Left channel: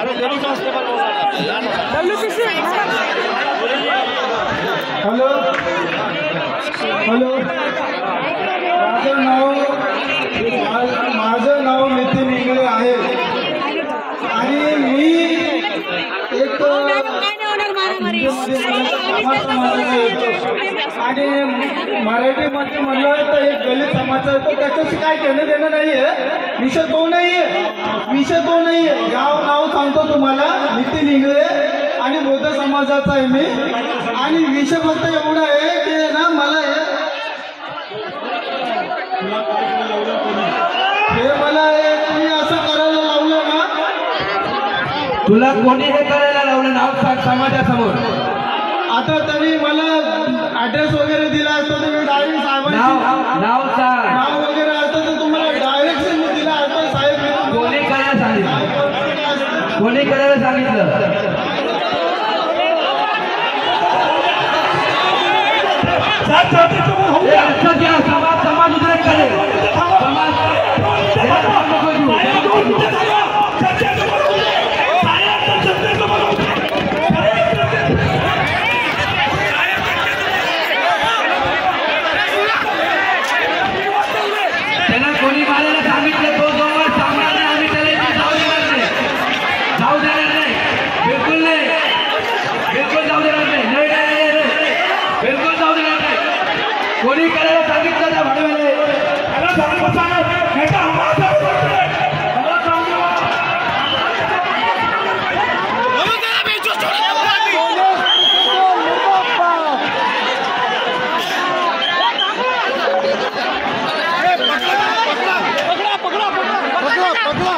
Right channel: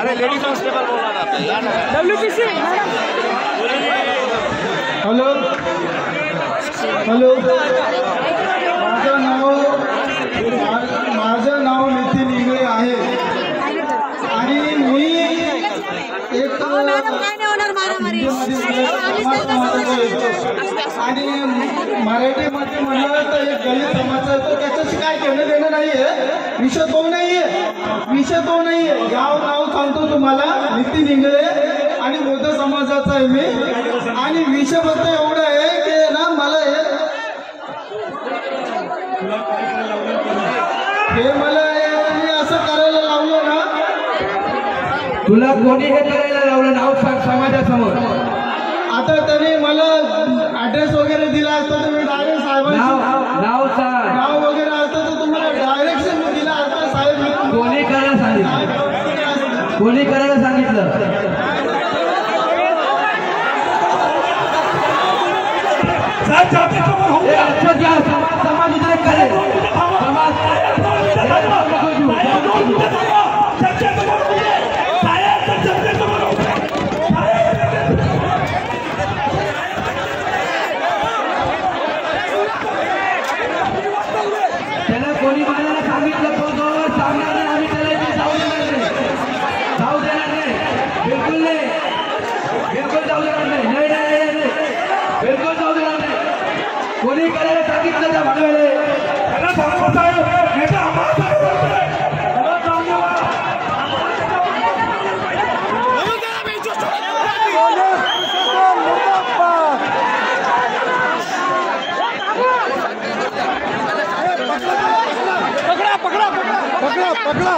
अरे ladies constable बोला ना WPC हॅलो हॅलो माझं नाव नितीन इंगळे आहे आणि मी एक आणि मराठीमध्ये म्हणलं तर एक दलित समाज आहे तो त्याच्याशी काय घेणं देणं नाही आहे. विषय तो नाही आहे गाव नाव सांगतो तुम्हाला नितीन इंगळे आणि बौद्ध समाजाचा आहे मी. आणि विषय फक्त एवढा आहे की ना मला हे मला तुम्ही असं करायला लावलं ना. तुला कोणी हे करायला लावलं नाव सांग समाजासमोर. आता त्यांनी मला ऍड्रेस वगैरे दिला असतो तर मी डायरेक्ट साहेबांना नाव सांग. नाव वगैरे असतं तर तुम्हाला डायरेक्ट मी दिला असतं. साहेब कोणी करायला सांगितलं कोणी करायला सांगितलं समाज उद्रेक करेल त्यांना कोणी मारायला सांगितलं तो जवळ सामना नाही. आम्ही त्याला इथे जाऊ देणार नाही बिलकुल नाही बिलकुल जाऊ देणार नाही बिलकुल जाऊ देणार नाही. कोणी करायला सांगितलं त्या भाडव्याला त्याला सांगतो साहेब पकडा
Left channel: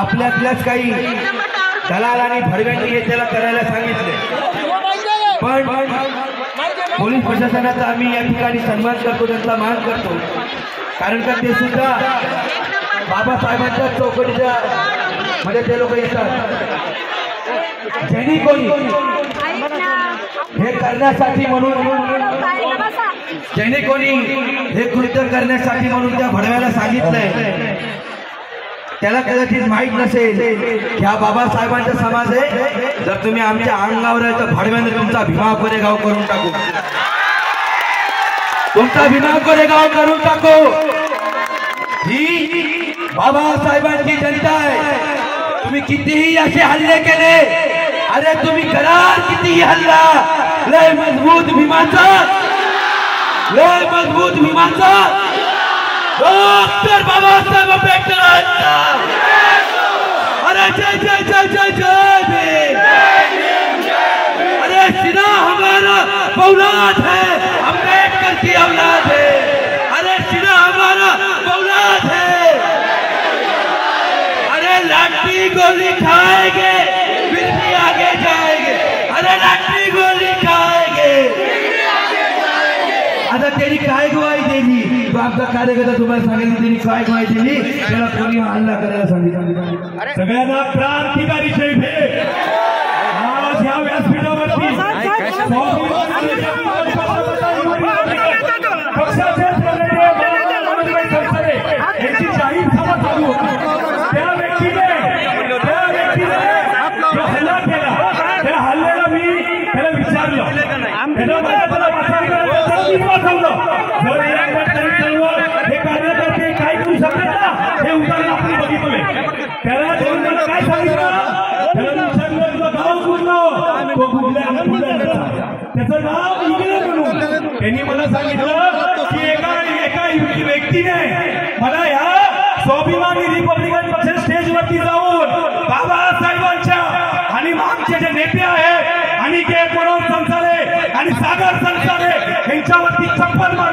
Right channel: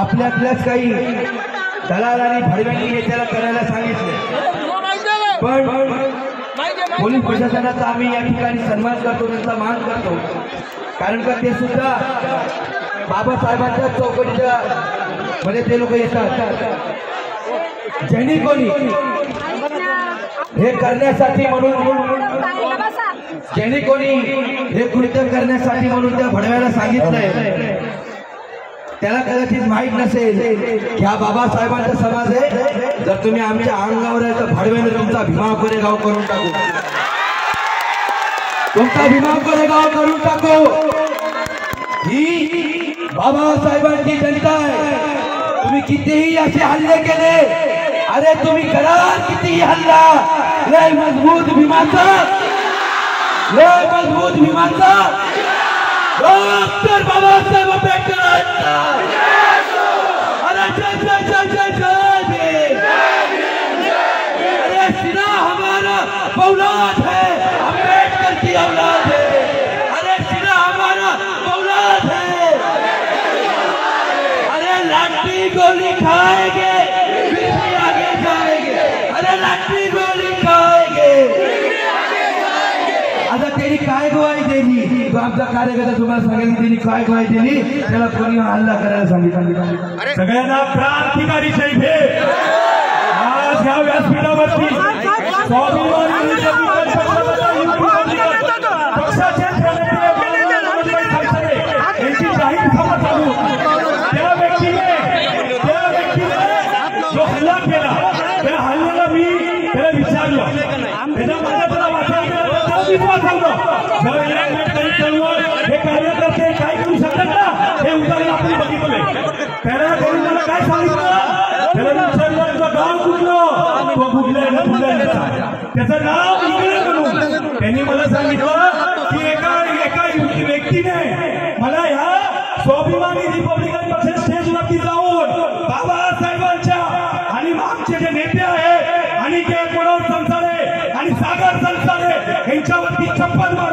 आपल्यातल्याच काही दलाल आणि भडव्यांनी हे त्याला करायला सांगितले. पण पोलीस प्रशासनाचा आम्ही या ठिकाणी सन्मान करतो त्यांचा मान करतो. कारण का ते सुद्धा बाबासाहेबांच्या चौकटीच्या मध्ये ते लोक येतात. ज्यांनी कोणी हे करण्यासाठी म्हणून ज्यांनी कोणी हे कृत्य करण्यासाठी म्हणून त्या भडव्याला सांगितलंय त्याला कदाचित माहीत नसेल ह्या बाबासाहेबांचा समाज आहे. जर तुम्ही आमच्या अंगावर आहे तर भडव्याने तुमचा भीमा कोरेगाव करून टाकू तुमचा भीमा कोरेगाव करून टाकू. ही बाबासाहेबांची जनता आहे. तुम्ही कितीही असे हल्ले केले अरे तुम्ही करार कितीही हल्ला लय मजबूत भीमाचा डॉक्टर बाबासाहेब आंबेडकर अरे जय जय जय जय जय. अरे सिन्हा हमारा औलाद है अम्बेडकर की औलाद है. अरे सिन्हा हमारा औलाद है. अरे लाठी गोली खाएंगे फिर भी आगे जाएंगे. अरे लाठी गोली खाएंगे. आता त्यांनी काय ग्वाही दिली तो आमचा कार्यकर्ता तुम्हाला सांगितलं त्यांनी काय ग्वाही दिली त्याला कोणी हल्ला करायला सांगितलं. सगळ्यांना क्रांतिकारी भेट आज ह्या व्यासपीठावरती पक्षाचे त्या व्यक्तीने हल्ला केला त्या हल्ल्याला मी त्याला विचारलं हे कार्यकर्ते काय करू शकतात ना हे उदाहरण आपण बघितलंय. त्याला काय सांगितलं त्याला तुझं गाव कुठलं तो त्याचं नाव इंग्रज म्हणून त्यांनी मला सांगितलं की एका व्यक्तीने मला ह्या स्वाभिमानी रिपब्लिकन पक्ष स्टेजवरती जाऊन बाबासाहेबांच्या आणि मागचे जे नेते आहेत अनिकेत मनोज संसारे आणि सागर संसारे यांच्यावरती चप्पल मार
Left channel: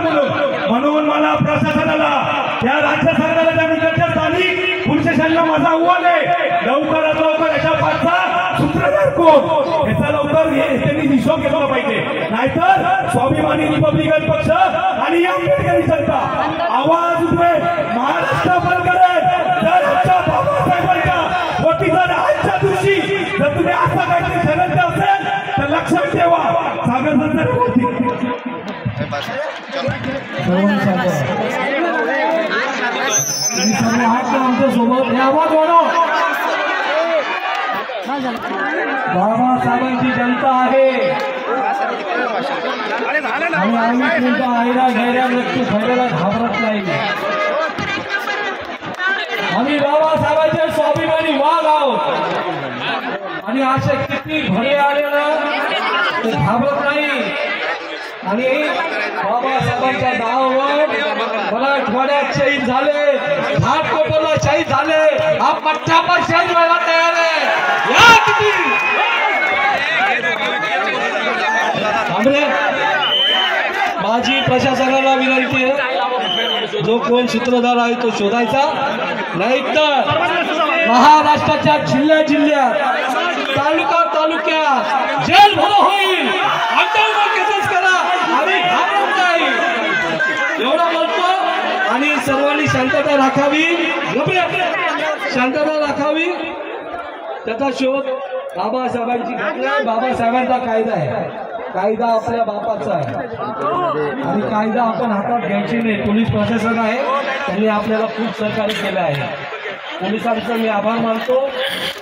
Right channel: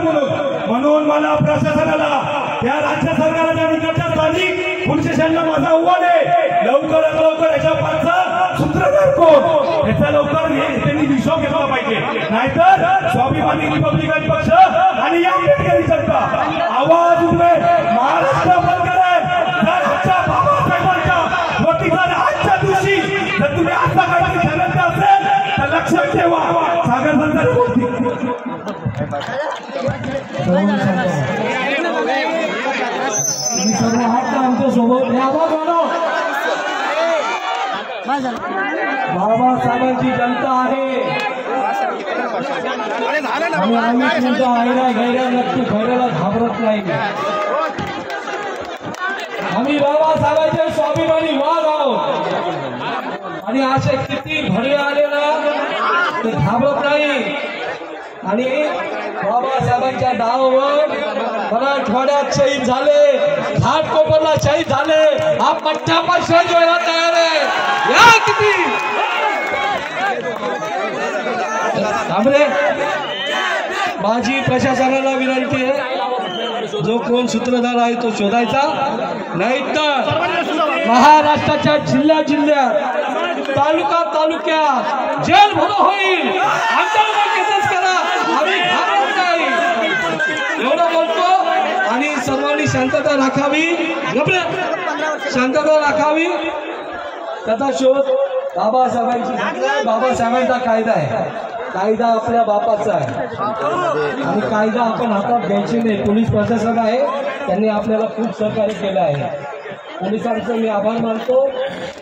म्हणून मला प्रशासनाला या राज्य सरकारला त्या निकटच्या स्थानिक पोलीस स्टेशनला माझा आव्हान आहे लवकरात लवकर याच्या पाठचा सूत्रधार कोण याचा लवकर त्यांनी हिशोब घेतला पाहिजे. नाहीतर स्वाभिमानी रिपब्लिकन पक्ष आणि या आंबेडकरी जनता आवाज उठवे महाराष्ट्र बंद करेल. जर बाबासाहेब आमच्या सोबत बाबासाहेबांची जनता आहे आणि आम्ही तुमच्या आईला घ्यायला नक्की खैरेला घाबरत नाही. आम्ही बाबासाहेबांचे स्वाभिमानी वाघ आहोत आणि असे किती भरे आले ना ते घाबरत नाही. आणि बाबासाहेबांच्या नावावर मराठवाड्यात शहीद झाले, घाटकोपरला शहीद झाले, हा पट्टा पण शहीद व्हायला तयार आहे. या किती थांबले. माझी प्रशासनाला विनंती आहे, जो कोण सूत्रधार आहे तो शोधायचा, नाहीतर महाराष्ट्राच्या जिल्ह्यात तालुक्यात जेल भरो होईल. आंदोलन केसेस करा, आम्ही घाबरत नाही एवढं बोलतो. आणि सर्वांनी शांतता राखावी, शांतता राखावी. त्याचा शोध बाबासाहेबांचा कायदा आहे. कायदा आपल्या बापाचा आहे आणि कायदा आपण हातात घ्यायची नाही. पोलीस प्रशासन आहे, त्यांनी आपल्याला खूप सहकार्य केलं आहे. पोलिसांचं मी आभार मानतो.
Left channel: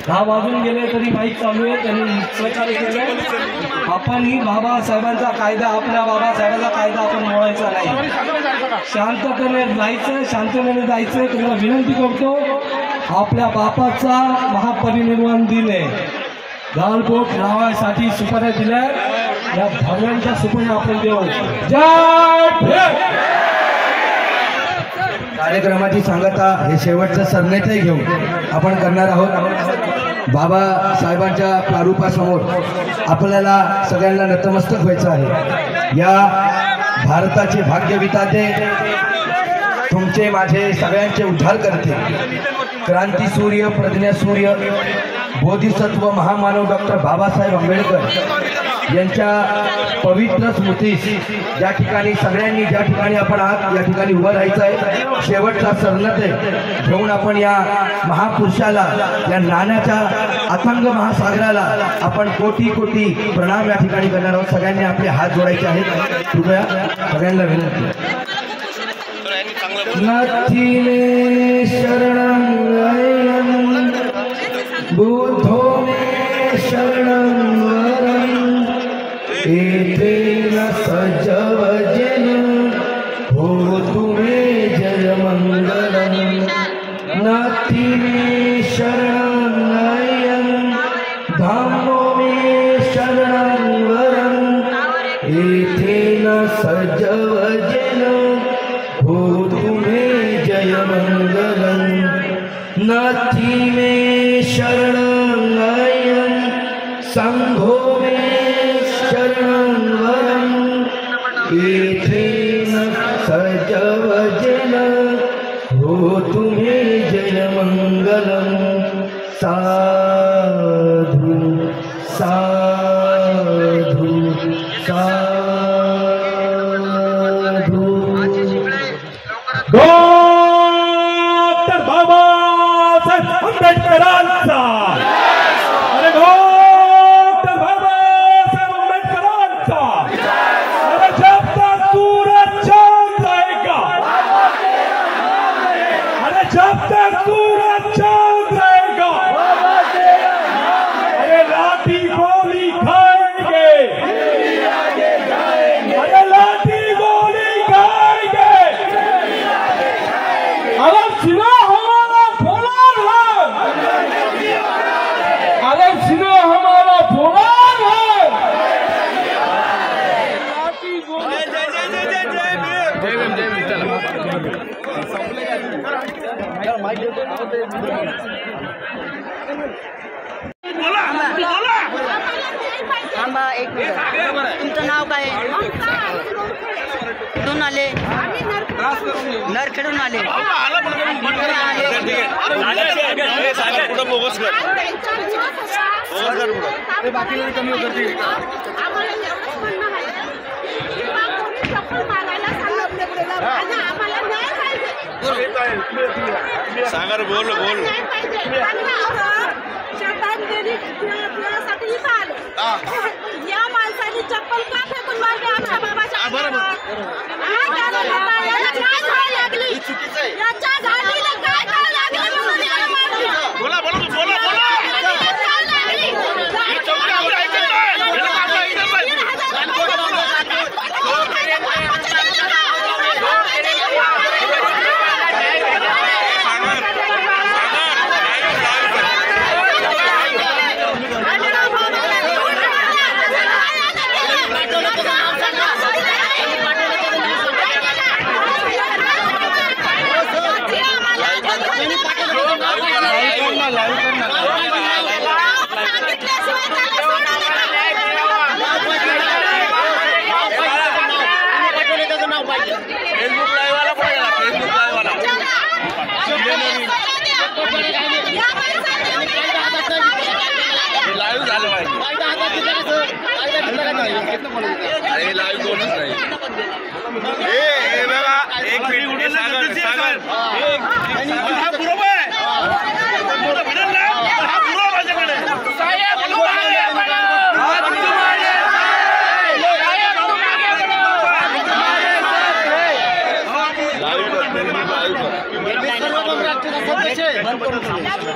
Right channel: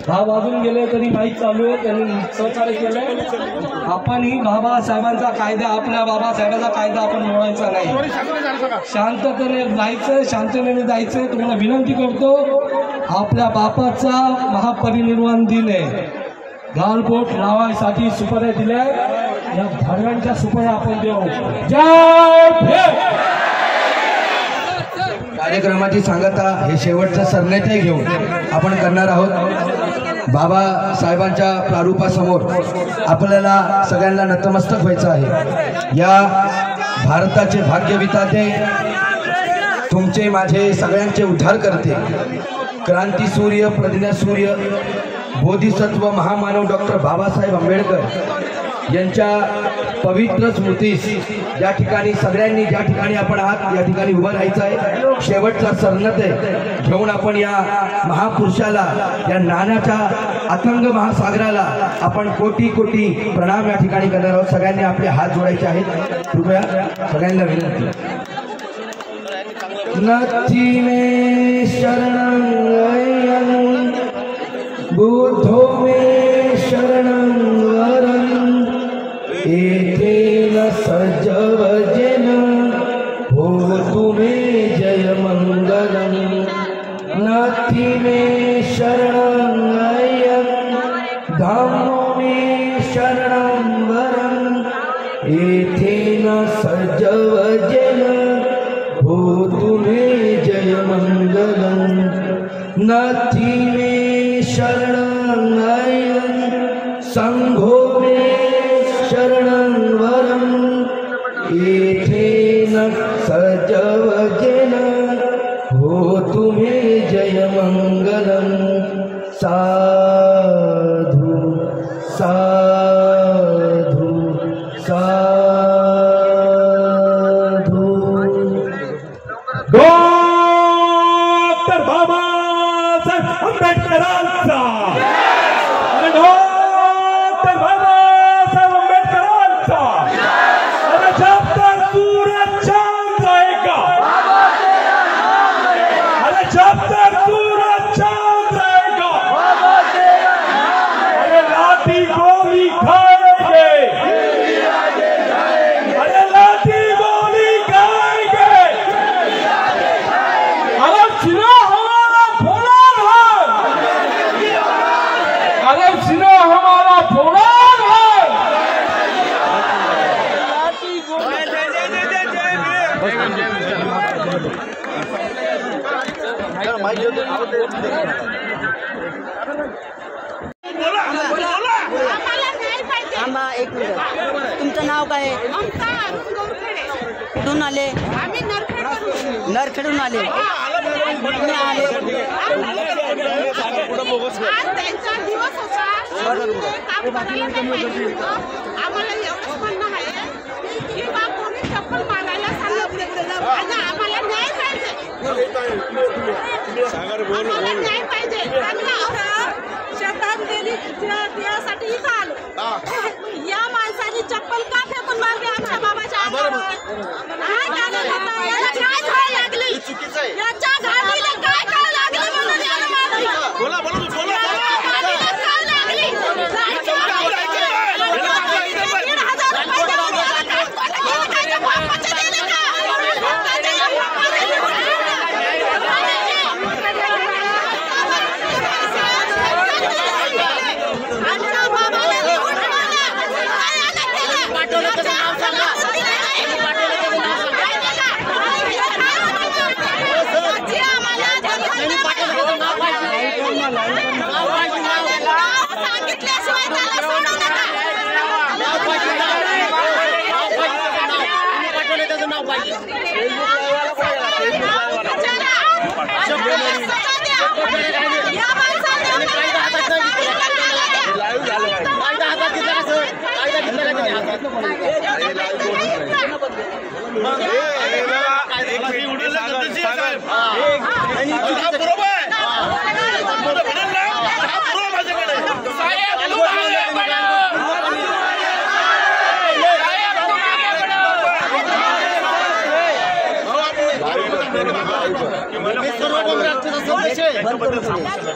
10 वाजून गेले तरी माईक चालू आहे, त्यांनी सहकार्य केलं. आपणही बाबासाहेबांचा कायदा, आपल्या बाबासाहेबांचा कायदा आपण मोडायचा नाही. शांततेने जायचं, शांततेने जायचं. तुम्हाला विनंती करतो, आपल्या बापाचा महापरिनिर्वाण दिन आहे. गालबोट लावायसाठी सुपाऱ्या दिल्या, या धाव्यांच्या सुपाऱ्या आपण देऊ. जय भीम. कार्यक्रमाची सांगता हे शेवटचं सरनेते घेऊन आपण करणार आहोत. बाबासाहेबांच्या प्रारूपासमोर आपल्याला सगळ्यांना नतमस्तक व्हायचं आहे. या भारताचे भाग्यविधाते, तुमचे माझे सगळ्यांचे उद्धार करते, क्रांतीसूर्य, प्रज्ञासूर्य, बोधिसत्व महामानव डॉक्टर बाबासाहेब आंबेडकर यांच्या पवित्र स्मृतीस ज्या ठिकाणी सगळ्यांनी, ज्या ठिकाणी आपण आहात या ठिकाणी उभं राहायचं आहे. शेवटचा सरनेते घेऊन आपण या महापुरुषाला, या नाण्याच्या अथांग महासागराला आपण कोटी कोटी प्रणाम या ठिकाणी करणार आहोत. सगळ्यांनी आपले हात जोडायचे आहेत. कृपया सगळ्यांना विनंती. नथी में शरणं बुद्धो में शरणं वरं एतेन सजवजन होतु मे जय मंगलं. नथी में शरणं धम्मो में शरणं वरं एतेन सजवजन होतु मे जय मंगलं. नथी में शरणं संघो में शरणं वरं एतेन सजवजन होतु मे जय मंगलं. साधु साधु साधु. डॉक्टर बाबासाहेब आंबेडकरांचा आणि डॉक्टर बाबासाहेब आंबेडकरांचा. अरे जब तक सूरज चांद रहेगा, अरे जब तक सूरज चांद रहेगा, अरे लाठी गोली खाएंगे, अरे लाठी गोली खाएंगे. अरे सीना हमारा फौलाद है, अरे सीना हमारा फौलाद है. एक मिनिट, तुमचं नाव काय आहे? कुठून आले? नरखेडून आले. सागर बोल बोल. या माणसाने चप्पल का फेकून मारली आमच्या बाबाच्या अंगावर? चुकीचं आहे.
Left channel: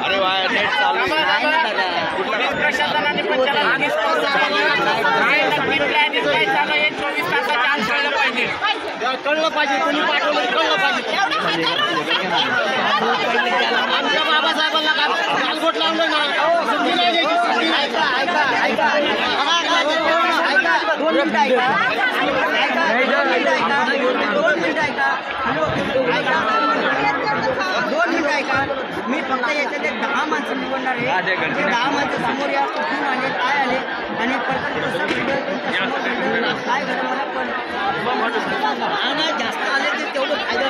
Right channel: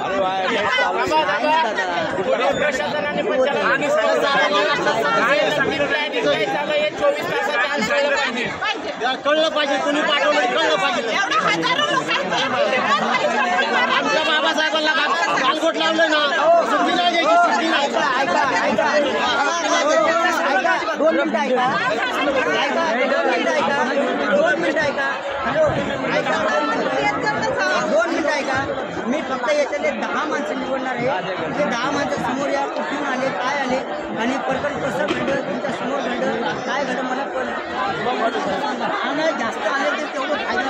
अरे वा प्रशासनाने पण त्याला आधीच कळलं पाहिजे, कोणी पाठवलं कळलं पाहिजे. आमच्या बाबासाहेबांना गालबोट लावलं ना, सुट्टी नाही द्यायची, सुट्टी नाही. 2 मिनिटं ऐका. 2 मिनिटं ऐका. मी फक्त याच्यातले 10 माणसं निवडणार आहे. ते 10 माणसं समोर या, कुठून आले, काय आले आणि प्रकरण कसं घडलं, तुमच्या समोर घडलं, काय घडलं मला आणि जास्त आले ते तेवढं फायदा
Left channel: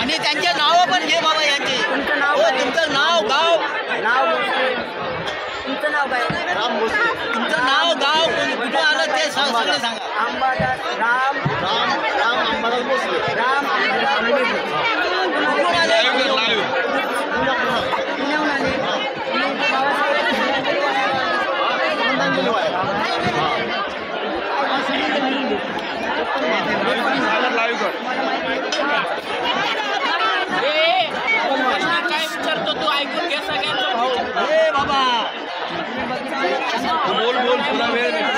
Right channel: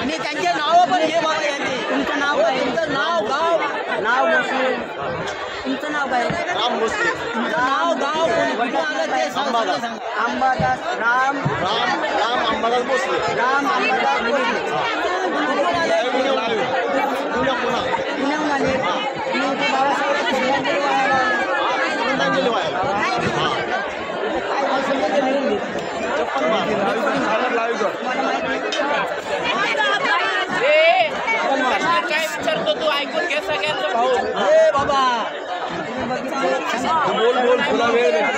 आणि त्यांचे नाव पण घे बाबा यांचे. तुमचं नाव तुमचं नाव गाव तुमचं नाव काय? राम भोसले. तुमचं नाव गाव कुठं आलं ते सांगा. अंबादास राम राम राम अंबादास भोसले. राम अंबादास भोसले. कुठून आले? पुण्याहून आले. बाबासाहेब श्रद्धांजली व्हायला. काय विचारतो तू ऐकून घे सगळ्यांचं. बाबा तुला वेळ भेटेल.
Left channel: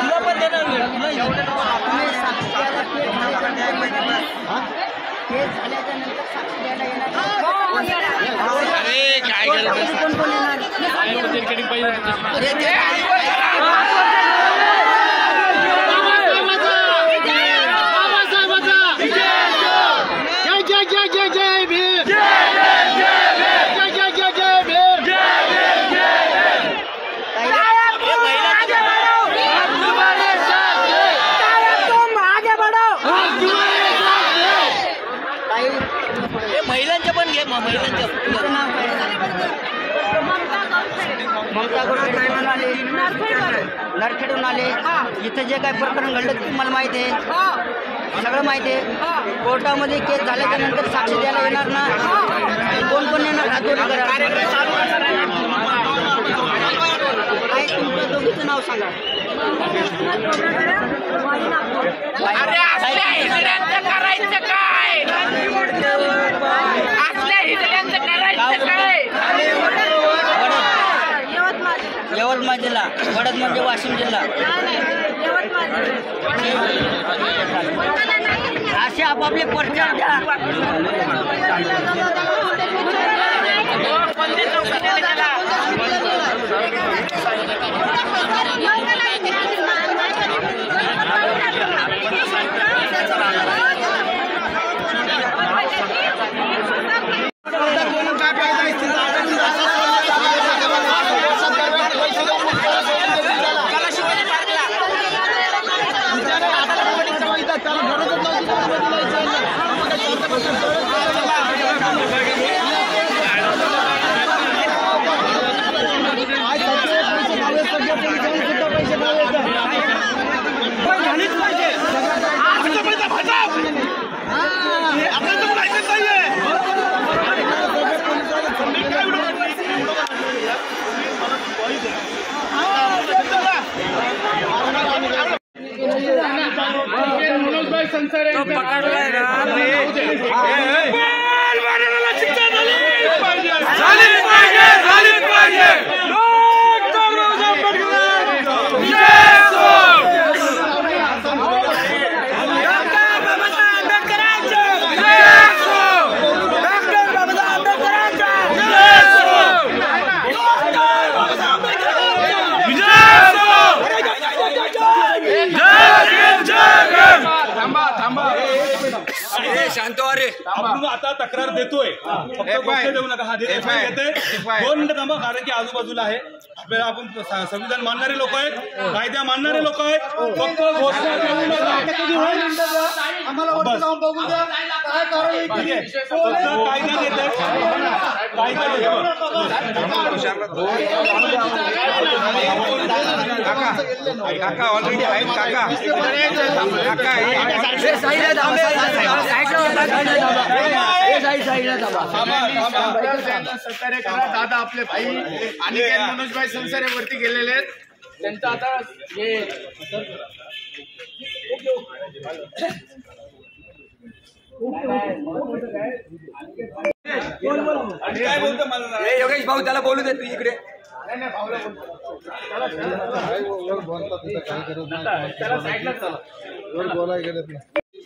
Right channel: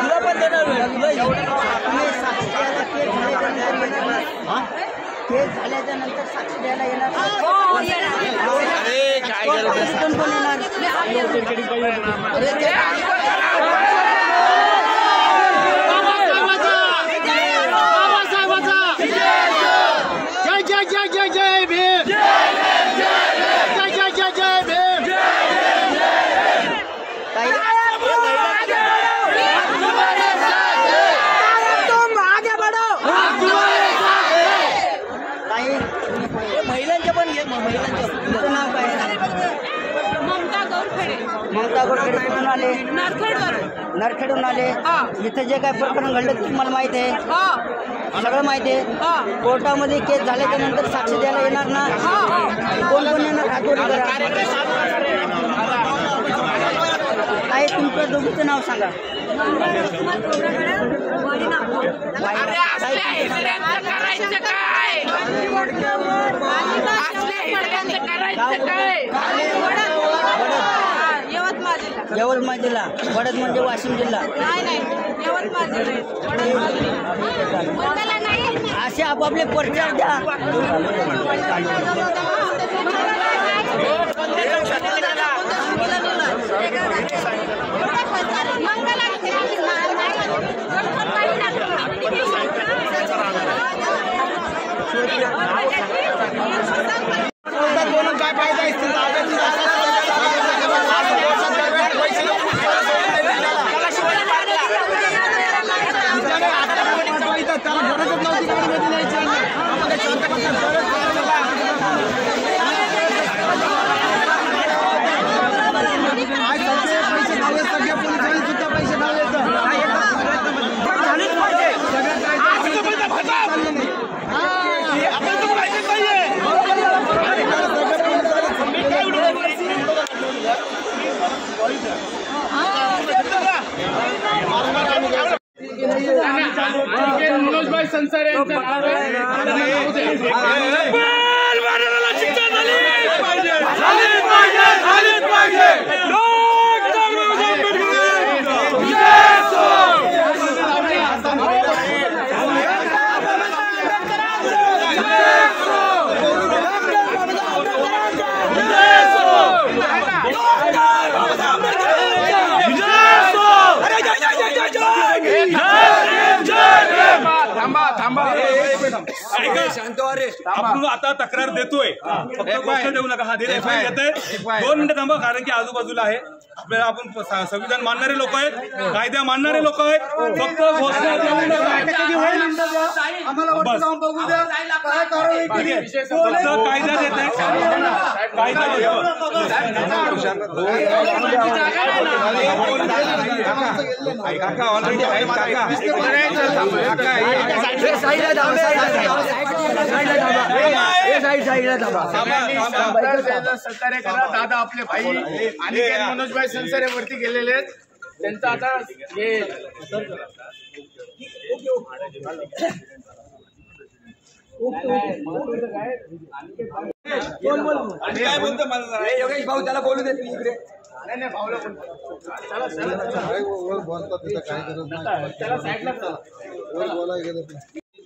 तुला पण देणार नाही. तुम्ही साक्षी द्यायला केस झाल्याच्या नंतर साक्षी द्यायला येणार कोण कोण येणार? महिलांचे पण घे. नरखेडून आले. इथं जे काय प्रकरण घडलं ते तुम्हाला माहित आहे, सगळं माहिती आहे. कोर्टामध्ये केस झाल्याच्या नंतर साक्षी द्यायला येणार ना. कोण कोण येणार हातोरी करा. काय तुमचं दोघीचं नाव सांगा. यवतमाळ जिल्हा. वडद म्हणजे वाशिम जिल्हा. असे आपापले परिचय द्या. काय फायदा आहे? आपण आता तक्रार देतोय, फक्त गोष्ट देऊ नका. हा देत येते 2 मिनिटं थांबा, कारण की आजूबाजूला आहे आपल्याला. आपण संविधान मानणारे लोक आहेत, कायदा मानणारे लोक आहेत, फक्त घोषणा देऊ नका. बस कायदा देत आहे, कायदा सहकार्य करा. दादा आपले भाई आणि मनोजभाई संसारावरती गेलेले आहेत, त्यांचं आता हे काय बोलतो मला योगेश भाऊ, त्याला बोलू देत नाही इकडे. नाही भाऊला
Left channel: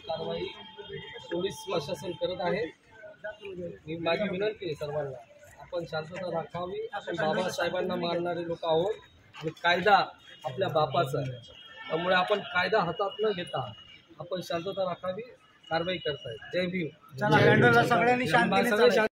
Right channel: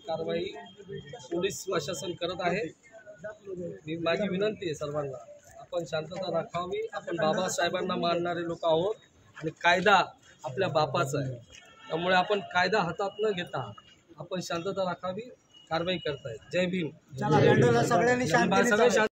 कारवाई पोलीस प्रशासन करत आहे. माझी विनंती आहे सर्वांना, आपण शांतता राखावी. आपण बाबासाहेबांना मानणारे लोक आहोत आणि कायदा आपल्या बापाचा आहे, त्यामुळे आपण कायदा हातात न घेता आपण शांतता राखावी, कारवाई करतायत. जय भीम. सगळ्यांनी सगळे